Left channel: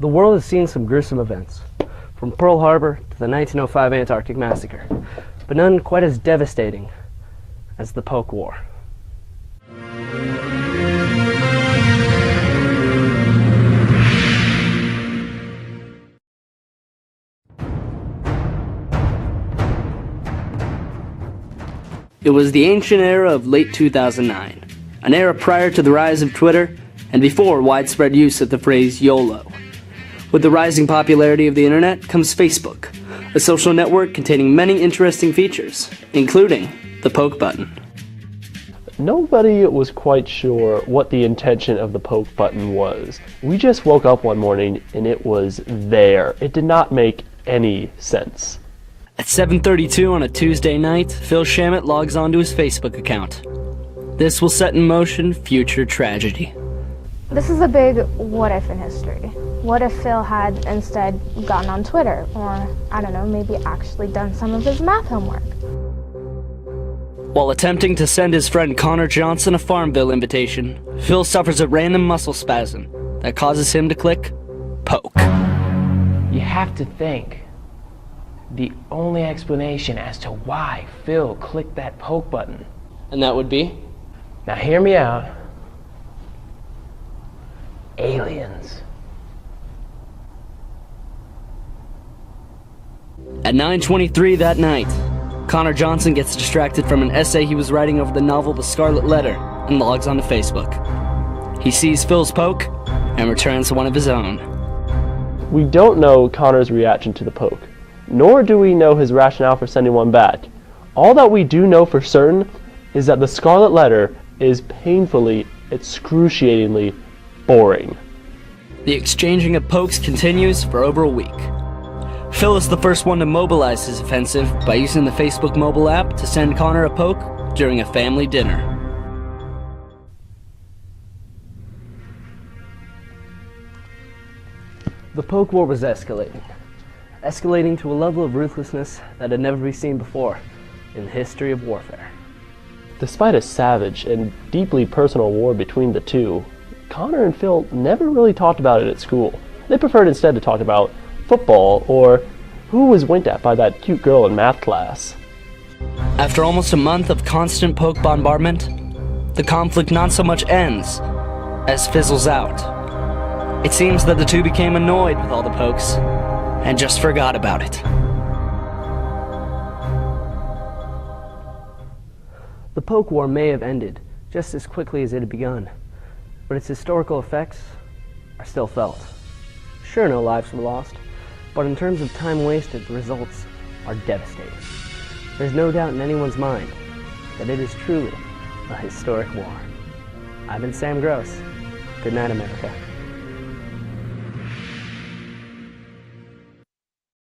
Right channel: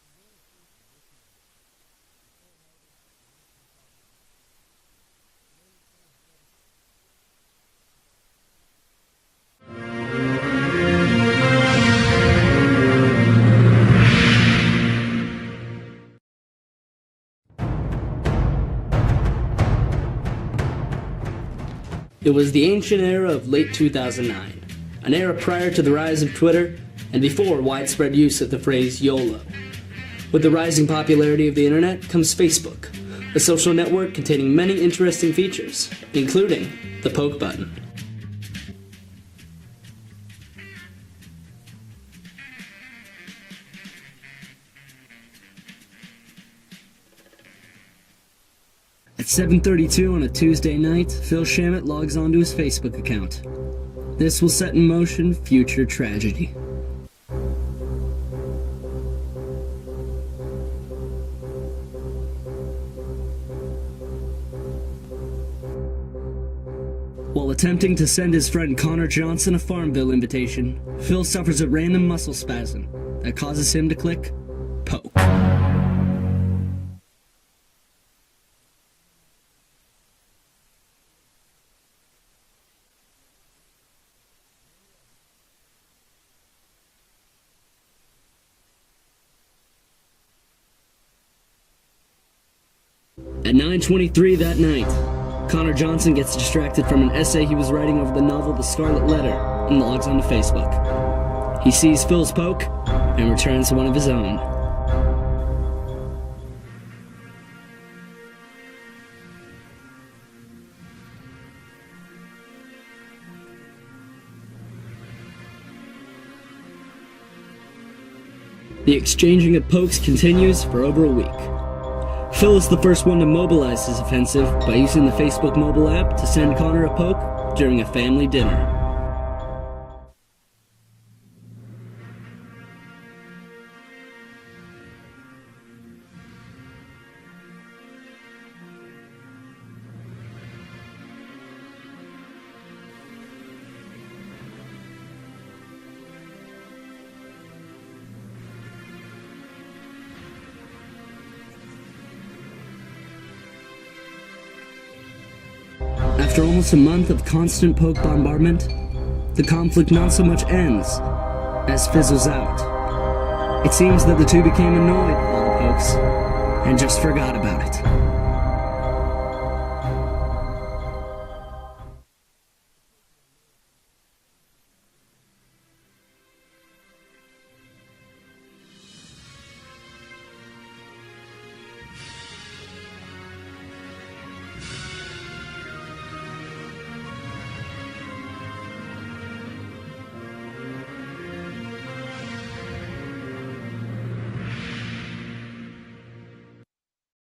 The world has seen some gruesome events, from Pearl Harbor to the 1905 Antarctic Massacre, but none quite as devastating as the Polk War. It was the ancient era of late 2009, an era prior to the rise of Twitter and before widespread use of the phrase YOLO. With the rising popularity of the internet comes Facebook, a social network containing many interesting features, including the poke button. Nobody was quite sure what the intention of the poke button was. We just woke up one morning and it was there. It did not make any sense. At 7:32 on a Tuesday night, Phil Shamit logs onto his Facebook account. This will set in motion future tragedy. This is a big what if in history. What if Phil had instead gotten on Twitter, or, I don't know, maybe actually done some of his math homework? While attempting to send his friend Connor Johnson a Farmville invitation, Phil suffers a random muscle spasm that causes him to click poke. You have to think the only explanation as to why Phil clicked that poke button. And that would be? Now hear me out. Aliens. At 9:23 that night, Connor Johnson gets distracted from an essay he was writing over the novel The Scarlet Letter and logs onto Facebook. He sees Phil's poke and returns one of his own. We don't know Connor's reaction to the poke, nor do we know his rationale for sending one back. All that we do know for certain is that The Scarlet Letter is painfully, excruciatingly boring. The exchanging of pokes continues for over a week. Phil is the first one to mobilize his offensive by using the Facebook mobile app to send Connor a poke during a family dinner. The poke war was escalating to a level of ruthlessness that had never been seen before in the history of warfare. Despite a savage and deeply personal war between the two, Connor and Phil never really talked about it at school. They preferred instead to talk about football or who was winked at by that cute girl in math class. After almost a month of constant poke bombardment, the conflict not so much ends as fizzles out. It seems that the two became annoyed with all the pokes and just forgot about it. The poke war may have ended just as quickly as it had begun, but its historical effects are still felt. Sure, no lives were lost, but in terms of time wasted, the results are devastating. There's no doubt in anyone's mind that it is truly a historic war. I've been Sam Gross. Good night, America.